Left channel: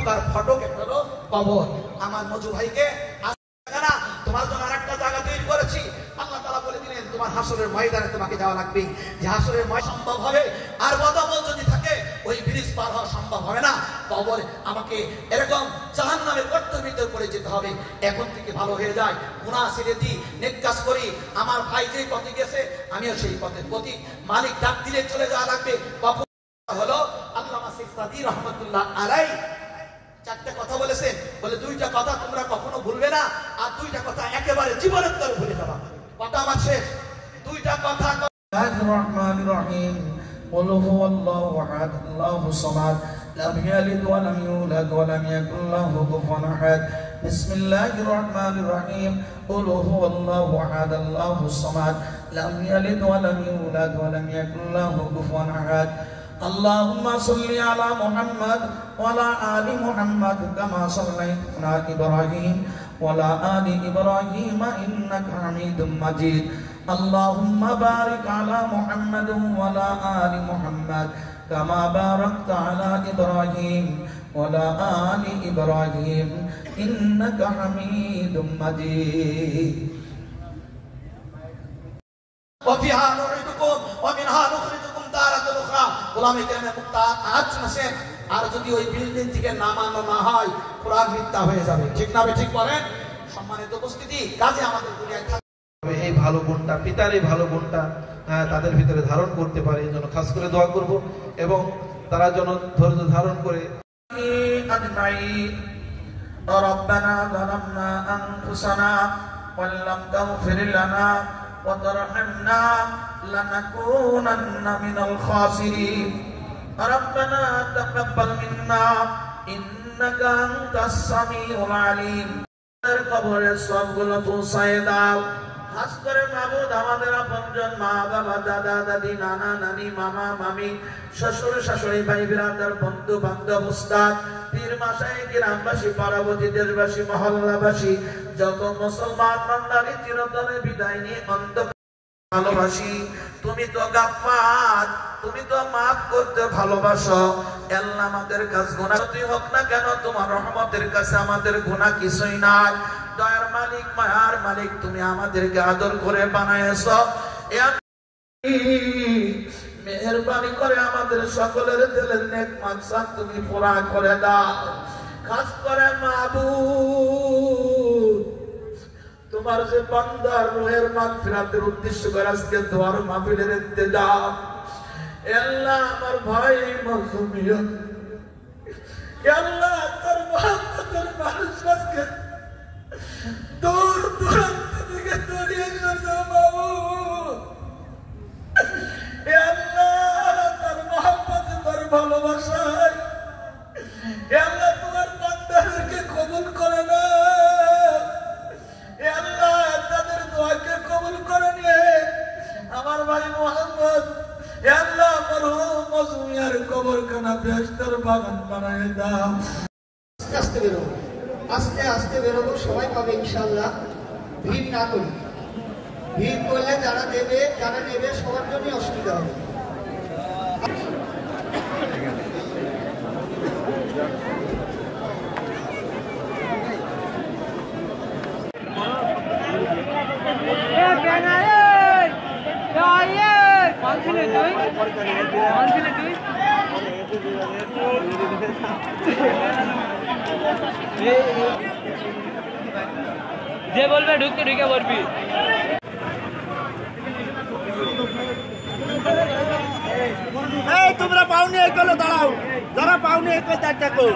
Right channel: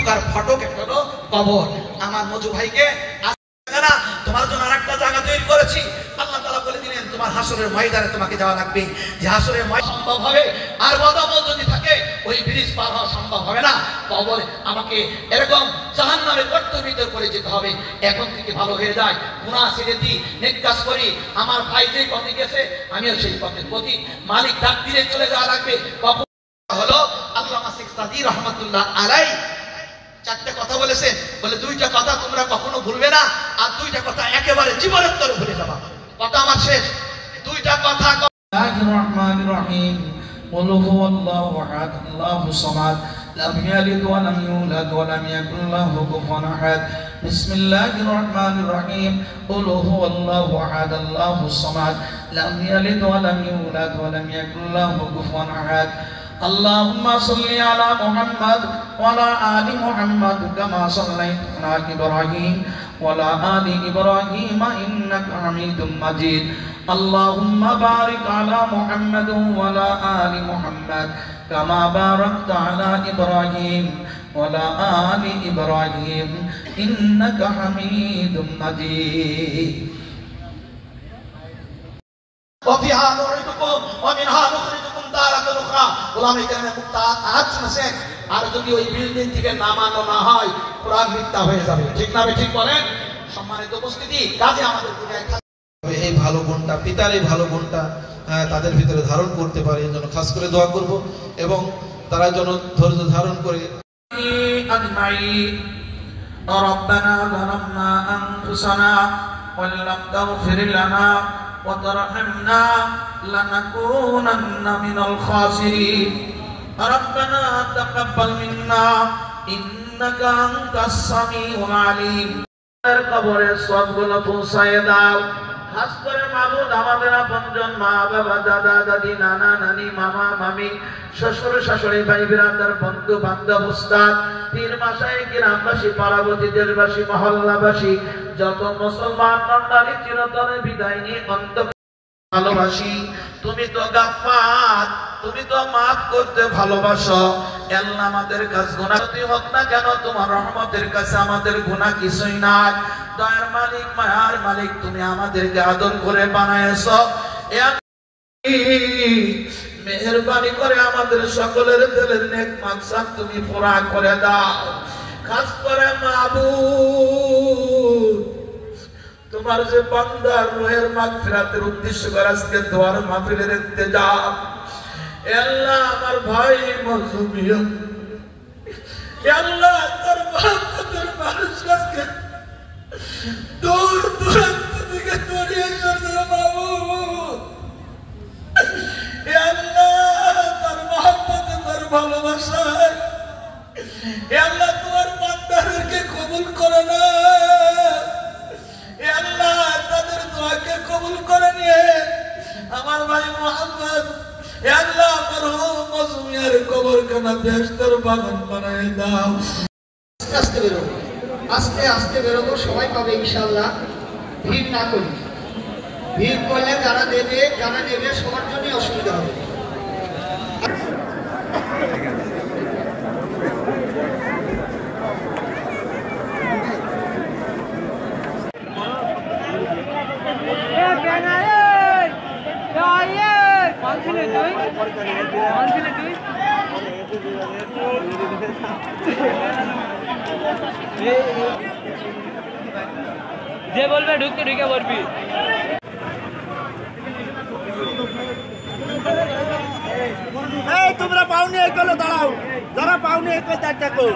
ঢোকার ফটক একটা হলো কবর। আমার মজু ভাইকে না তোমার জন্য আরেকটা জায়গা তৈরি করেছি। আল্লাহ তাআলা বলে দিলেন তোমার হাসরের ময়দানে তোমাকে যাওয়া লাগবে। যে হাসরের ময়দান সম্ভব হবে আর বদামল যদি থাকে ওই ব্রিজ পার হওয়া সম্ভব হবে না। কবর আমাকে এরকম জাহান্নামের গর্তের ভিতর করে যেতে হবে। এখন থেকে ভালো হয়ে যায়, গুনাহ ছেড়ে দিই, নেক কাজ করি। আমার ভাই যেই পথে গেছে আমিও সেই পথের প্রতি। মালিক ডাক দিলে চলে যাওয়া লাগবে। কখন হলো আল্লামা শেখ সাদী রহমাতুল্লাহ আলাইহি চারটা কথা বলেছেন, বলে দুইটা কথা তোমরা কখনো ভুলবে না, আর দুইটা কথা একেবারে জীবনের তরে ভুলে যাবা। কথা আমার শেষ, দুইটা কথা। বিসমিল্লাহির রহমানির রহিম। قل هو الله احد الله الصمد لم يلد ولم يولد ولم يكن له كفوا احد بسم الله الرحمن الرحيم قل هو الله احد الله الصمد لم يلد ولم يولد ولم يكن له كفوا احد اللهم صل على محمد وعلى آل محمد كما صليت على إبراهيم وعلى آل إبراهيم إنك حميد مجيد اللهم بارك على محمد وعلى آل محمد كما باركت على إبراهيم وعلى آل إبراهيم إنك حميد مجيد وفيها نعيدكم ومنها نخرجكم تارة أخرى গোলামী কেরামের মুক্তার আয়াত শুনেছেন। আর যদি ওই বিল্ডিং থেকে নামানো না হয় কোরআন মিথ্যা হয়ে যাবে। ঠিক না ঠিক বলেন? সম্মানিত উপস্থিতি, কাজে আমাদের দুনিয়ায় এই ভালো গুণটা, পিতার এই ভালো গুণটা তাদের ভিতরে ধারণ করতে পারে, এই জন্য খাস করে দোয়া করব এবং তারা যেন ধৈর্য ধারণ করে। ربنا ظلمنا أنفسنا وإن لم تغفر لنا وترحمنا لنكونن من الخاسرين ربنا تقبل منا إنك أنت السميع العليم কবরের সবগুলো পৌঁছায় দাও। খাস করে মাবুদ আমাদের আপনজন মা বাবা দাদা দাদি নানা নানি মামা মামি শ্বশুর শাশুড়ি ভাই বিরাদার বন্ধু বান্ধব উস্তাদ পীর মাশায়েখ গ্রামবাসী পাড়াবতী দেশবাসী মহল্লাবাসী যত মুসলমান মণ্ডলী চিরতরে বিদায় নিয়ে ভালোবাসি। তুমি তো গাফফার, তুমি তো মাফ করতে ভালোবাসো। আল্লাহ আমাদের কাছে গুনাহ যতই হোক না কেন তোমার রহমতের কাছে আমাদের গুনাহ কিছুই নাই। দয়ার মালিক মায়ার মালিক তুমি আমাদেরকে আদর করে বানায়েছো। মেহেরবানি করে আমাদের সকলের দিলের নেক মাকসাদ তুমি পুরা করে দাও। খাস করে মাবুদ তোমার যে বান্দার রূহের মাগফিরাতের উদ্দেশ্য করে আজকে দোয়ার মাহফিলের ইন্তেজাম। আল্লাহ আমার ভাই মাসুমিয়া, আল্লাহ তোর মহব্বতের মানুষ আজকে দূর দূরান্ত থেকে দৌড়িয়ে এসেছে মাবুদ। আল্লাহ তোর মহব্বতে তোর ভালোবাসায় আল্লাহ তোমার বান্দাদেরকে কবুল করে না। আল্লাহ তাদের দোয়াকে কবুল করে নিয়ে আমার ভাই মোহাম্মদ আল্লাহ মরহুম মাসুমিয়ার কবরখানা বেহেশতের বাগান বানায় দাও। আস্তে বেরোবো, আস্তে আস্তে বেরোবো, সবাই পাবে ইনশাআল্লাহ। ভিড় না করি, ভিড় করলে যারা দেবে সবার জন্যই অসুবিধা হবে। যে বলবে ঢুকতে ঢুকে বলবি। তোমরা পাওনি এই কলে দাঁড়াও, যারা পাওনি এই কলে দেখো।